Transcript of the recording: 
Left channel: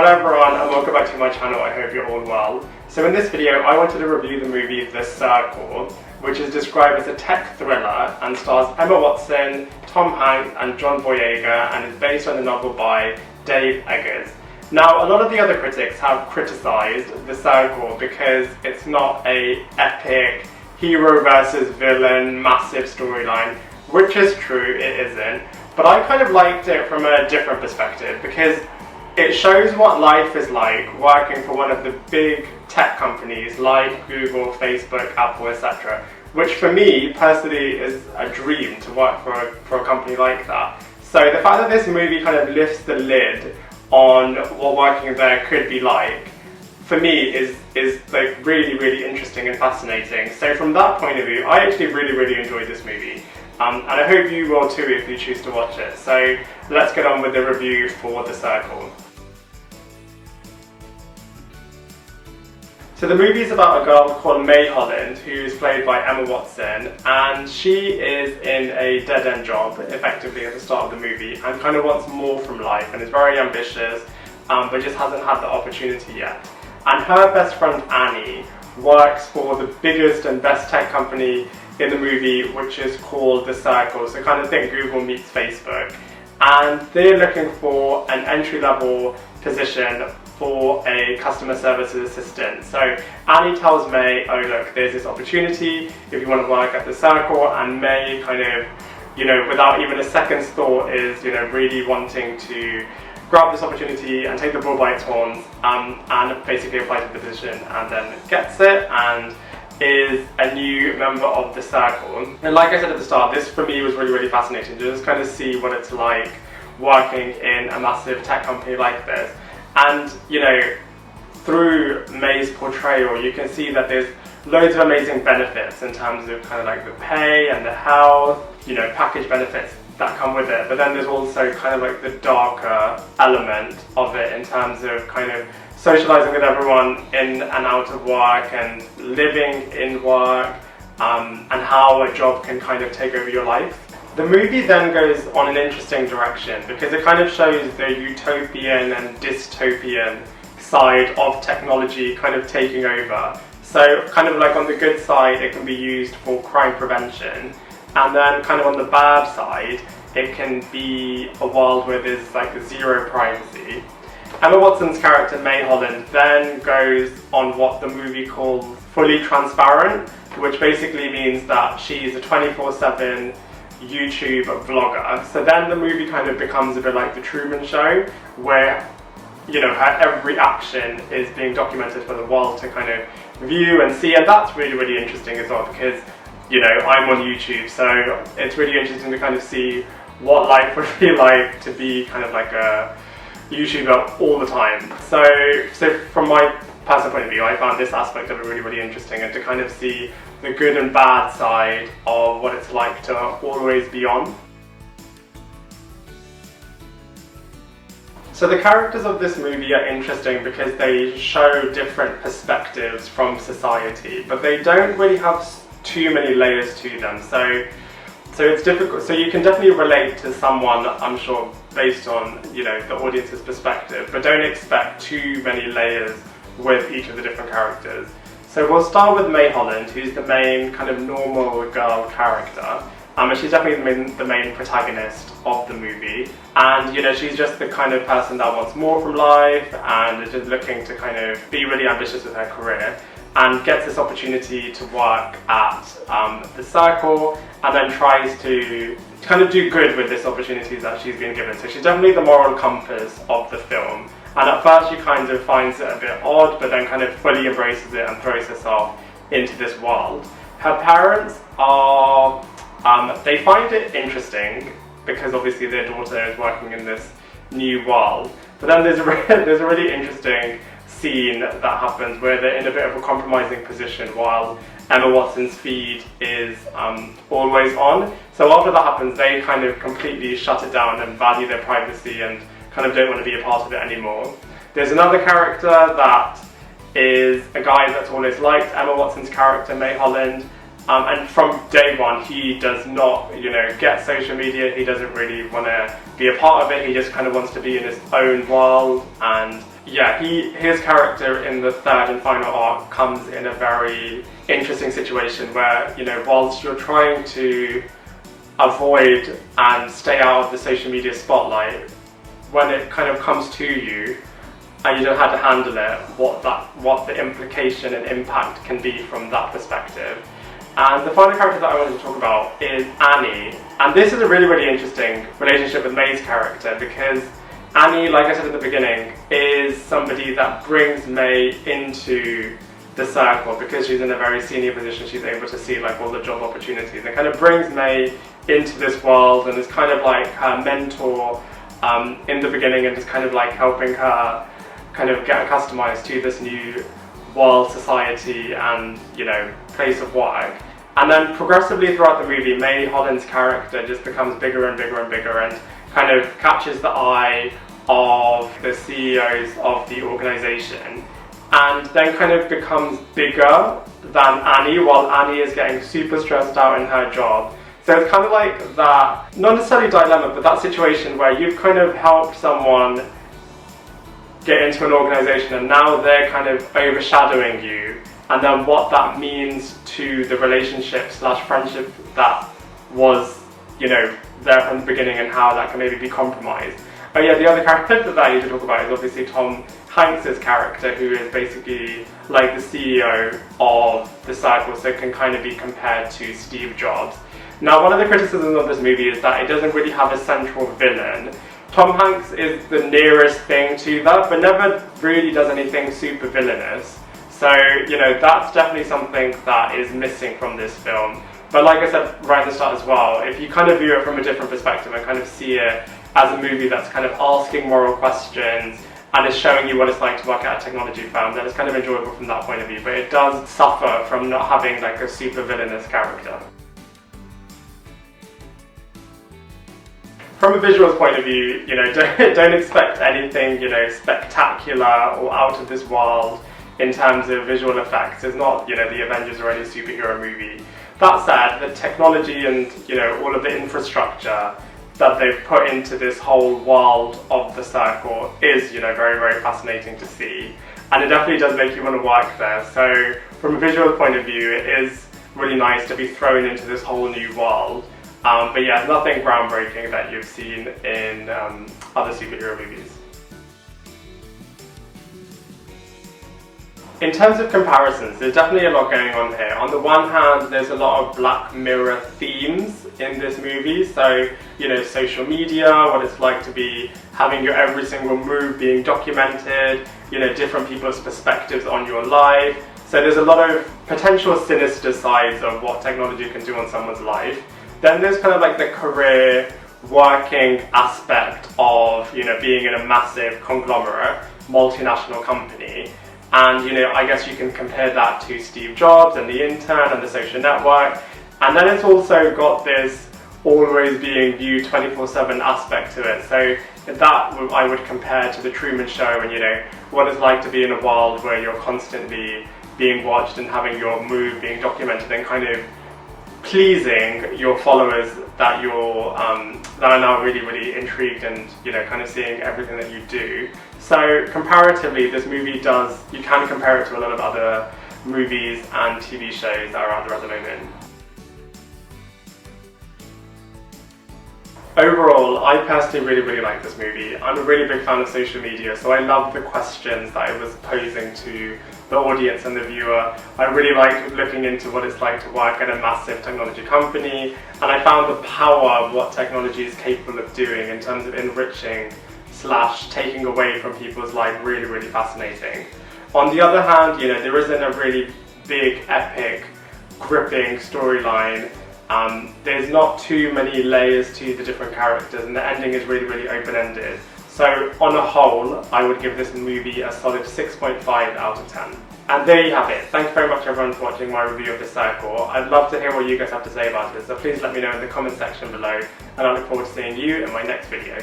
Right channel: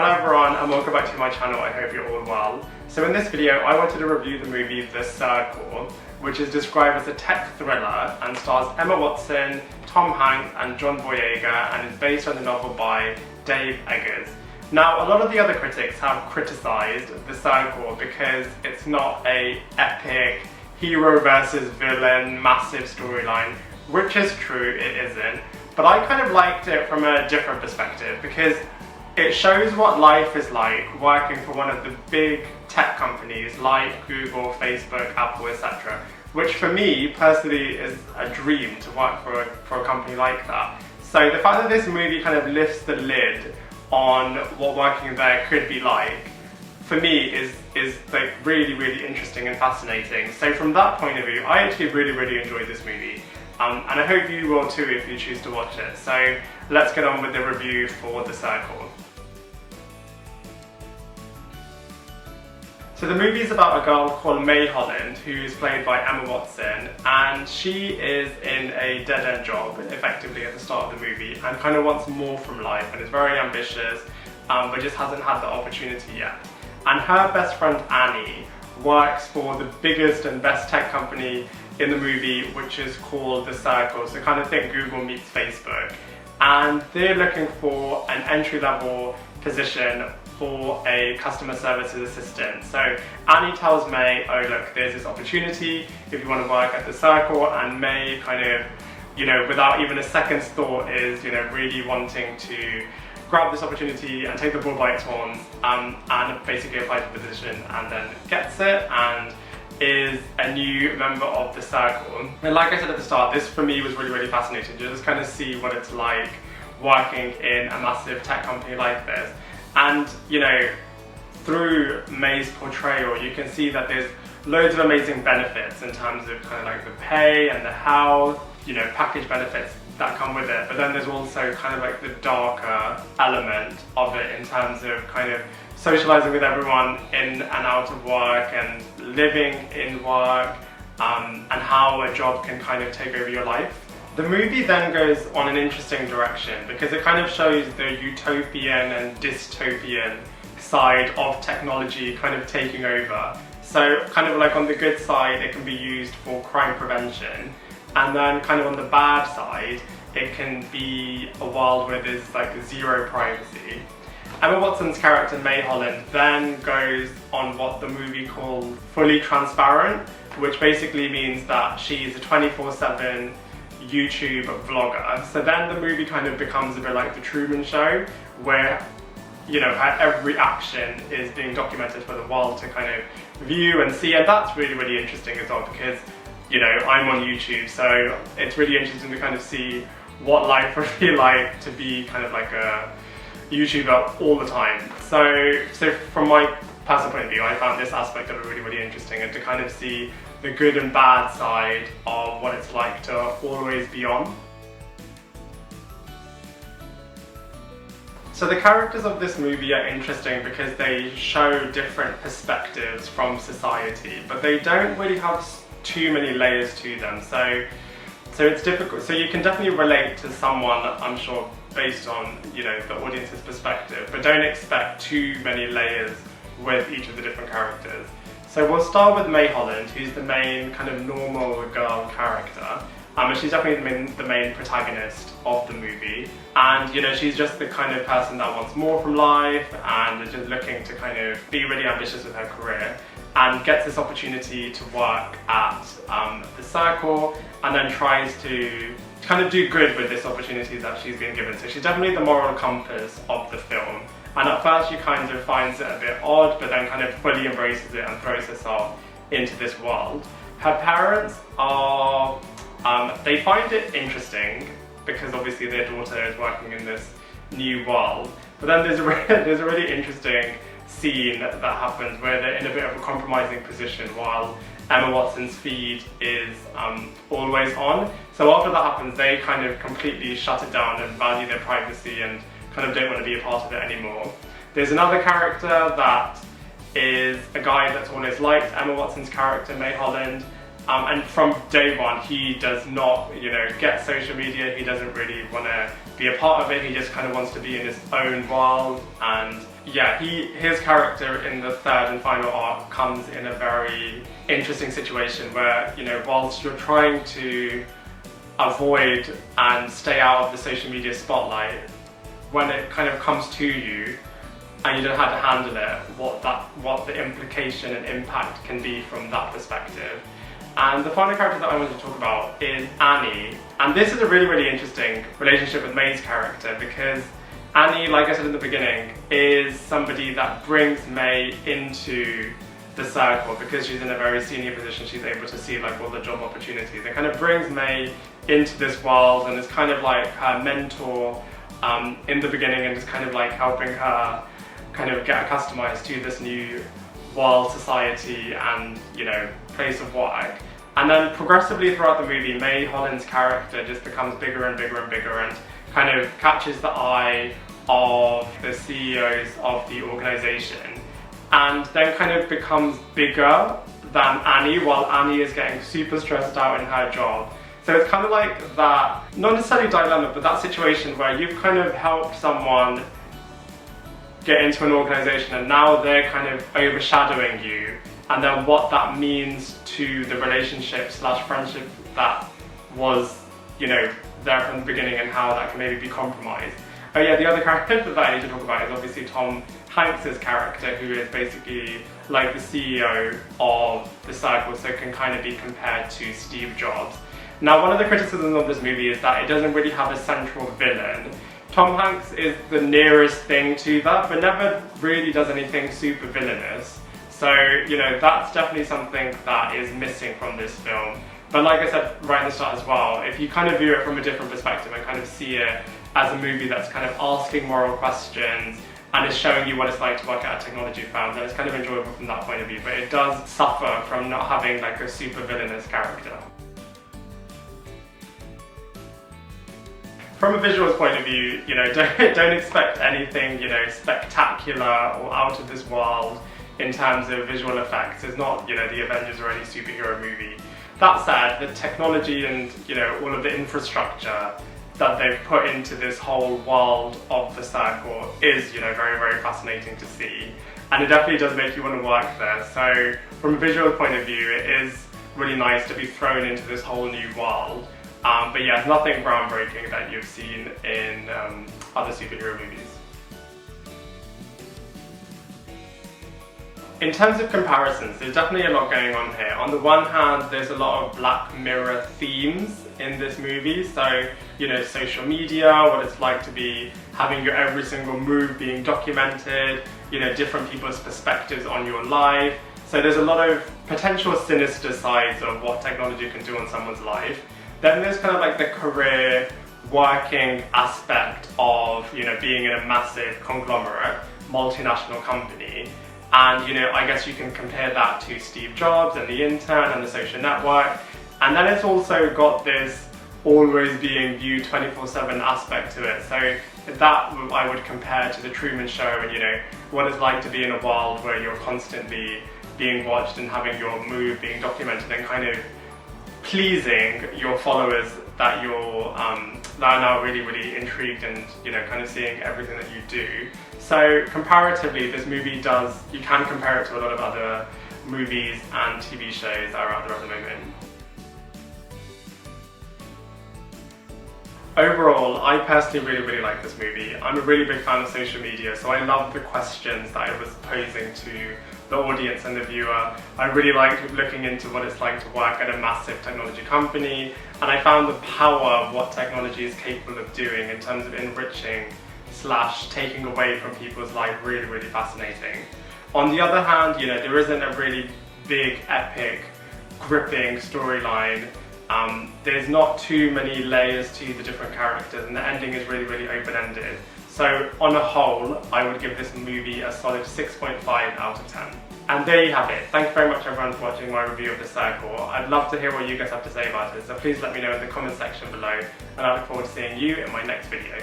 Hello everyone and welcome back to my channel. I hope you're all well. So in this video I wanted to review the movie The Circle, which is described as a tech thriller and stars Emma Watson, Tom Hanks and John Boyega, and is based on a novel by Dave Eggers. Now, a lot of the other critics have criticised The Circle because it's not an epic hero versus villain massive storyline, which is true, it isn't. But I kind of liked it from a different perspective because it shows what life is like working for one of the big tech companies like Google, Facebook, Apple, etc. Which for me personally is a dream to work for a company like that. So the fact that this movie kind of lifts the lid on what working there could be like, for me is like really interesting and fascinating. So from that point of view, I actually really enjoyed this movie. And I hope you will too if you choose to watch it. So let's get on with the review for The Circle. So the movie is about a girl called May Holland, who is played by Emma Watson, and she is in a dead-end job, effectively, at the start of the movie, and kind of wants more from life, and is very ambitious, but just hasn't had the opportunity yet. And her best friend Annie works for the biggest and best tech company in the movie, which is called The Circle, so kind of think Google meets Facebook. And they're looking for an entry-level position for a customer services assistant. So Annie tells May, oh look, there's this opportunity if you want to work at The Circle, and May kind of, without even a second's thought is, really wanting to grab this opportunity and take the bull by its horns, and basically apply for the position, and then gets it and is a new member of The Circle. And like I said at the start, this for me was really fascinating to just kind of see what it's like working in a massive tech company like this. And, through May's portrayal, you can see that there's loads of amazing benefits in terms of kind of like the pay and the health, package benefits that come with it. But then there's also kind of like the darker element of it in terms of kind of socializing with everyone in and out of work and living in work, and how a job can kind of take over your life. The movie then goes on an interesting direction because it kind of shows the utopian and dystopian side of technology kind of taking over. So kind of like on the good side, it can be used for crime prevention, and then kind of on the bad side, it can be a world where there's like zero privacy. Emma Watson's character May Holland then goes on what the movie called fully transparent, which basically means that she's a 24/7 YouTube vlogger. So then the movie kind of becomes a bit like the Truman Show, where her every action is being documented for the world to kind of view and see, and that's really interesting as well because I'm on YouTube, so it's really interesting to kind of see what life would be like to be kind of like a YouTuber all the time. So from my personal point of view, I found this aspect of it really interesting, and to kind of see the good and bad side of what it's like to always be on. So the characters of this movie are interesting because they show different perspectives from society, but they don't really have too many layers to them. So it's difficult. So you can definitely relate to someone, I'm sure, based on the audience's perspective, but don't expect too many layers with each of the different characters. So we'll start with May Holland, who's the main kind of normal girl character. And she's definitely the main protagonist of the movie. And she's just the kind of person that wants more from life and is just looking to kind of be really ambitious with her career, and gets this opportunity to work at The Circle, and then tries to kind of do good with this opportunity that she's been given. So she's definitely the moral compass of the film. And at first she kind of finds it a bit odd, but then kind of fully embraces it and throws herself into this world. Her parents are, they find it interesting because obviously their daughter is working in this new world. But then there's a really interesting scene that happens where they're in a bit of a compromising position while Emma Watson's feed is always on. So after that happens, they kind of completely shut it down and value their privacy and kind of don't want to be a part of it anymore. There's another character that is a guy that's always liked Emma Watson's character, May Holland, and from day one he does not, get social media. He doesn't really want to be a part of it. He just kind of wants to be in his own world and, yeah, his character in the third and final arc comes in a very interesting situation where, you know, whilst you're trying to avoid and stay out of the social media spotlight, when it kind of comes to you and you don't know how to handle it, what the implication and impact can be from that perspective. And the final character that I wanted to talk about is Annie. And this is a really, really interesting relationship with May's character, because Annie, like I said in the beginning, is somebody that brings May into the circle because she's in a very senior position. She's able to see like all the job opportunities and kind of brings May into this world and is kind of like her mentor in the beginning, and is kind of like helping her kind of get accustomed to this new world, society, and, you know, place of work. And then progressively throughout the movie, May Holland's character just becomes bigger and bigger and bigger and kind of catches the eye of the CEOs of the organisation, and then kind of becomes bigger than Annie, while Annie is getting super stressed out in her job. So it's kind of like that, not necessarily dilemma, but that situation where you've kind of helped someone get into an organisation and now they're kind of overshadowing you, and then what that means to the relationship / friendship that was, you know, there from the beginning, and how that can maybe be compromised. Oh yeah, the other character that I need to talk about is obviously Tom Hanks's character, who is basically like the CEO of the circle, so can kind of be compared to Steve Jobs. Now, one of the criticisms of this movie is that it doesn't really have a central villain. Tom Hanks is the nearest thing to that, but never really does anything super villainous. So, you know, that's definitely something that is missing from this film. But like I said right at the start as well, if you kind of view it from a different perspective and kind of see it as a movie that's kind of asking moral questions and is showing you what it's like to work at a technology firm, then it's kind of enjoyable from that point of view. But it does suffer from not having like a super villainous character. From a visuals point of view, you know, don't expect anything, you know, spectacular or out of this world in terms of visual effects. It's not, you know, the Avengers or any superhero movie. That said, the technology and, you know, all of the infrastructure that they've put into this whole world of the circle is, you know, very, very fascinating to see. And it definitely does make you want to work there. So from a visual point of view, it is really nice to be thrown into this whole new world. But yeah, nothing groundbreaking that you've seen in other superhero movies. In terms of comparisons, there's definitely a lot going on here. On the one hand, there's a lot of Black Mirror themes in this movie. So, you know, social media, what it's like to be having your every single move being documented, you know, different people's perspectives on your life. So there's a lot of potential sinister sides of what technology can do on someone's life. Then there's kind of like the career working aspect of, you know, being in a massive conglomerate, multinational company. And, you know, I guess you can compare that to Steve Jobs and The Intern and The Social Network. And then it's also got this always being viewed 24/7 aspect to it. So that I would compare to The Truman Show, and, you know, what it's like to be in a world where you're constantly being watched and having your move being documented and kind of pleasing your followers that you're that are now really, really intrigued and, you know, kind of seeing everything that you do. So comparatively, this movie you can compare it to a lot of other movies and TV shows that are out there at the moment. Overall, I personally really, really like this movie. I'm a really big fan of social media, so I love the questions that it was posing to the audience and the viewer. I really liked looking into what it's like to work at a massive technology company, and I found the power of what technology is capable of doing in terms of enriching / taking away from people's life really, really fascinating. On the other hand, you know, there isn't a really big, epic, gripping storyline. There's not too many layers to the different characters, and the ending is really, really open-ended. So on a whole, I would give this movie a solid 6.5 out of 10. And there you have it. Thank you very much everyone for watching my review of The Circle. I'd love to hear what you guys have to say about it, so please let me know in the comment section below, and I look forward to seeing you in my next video.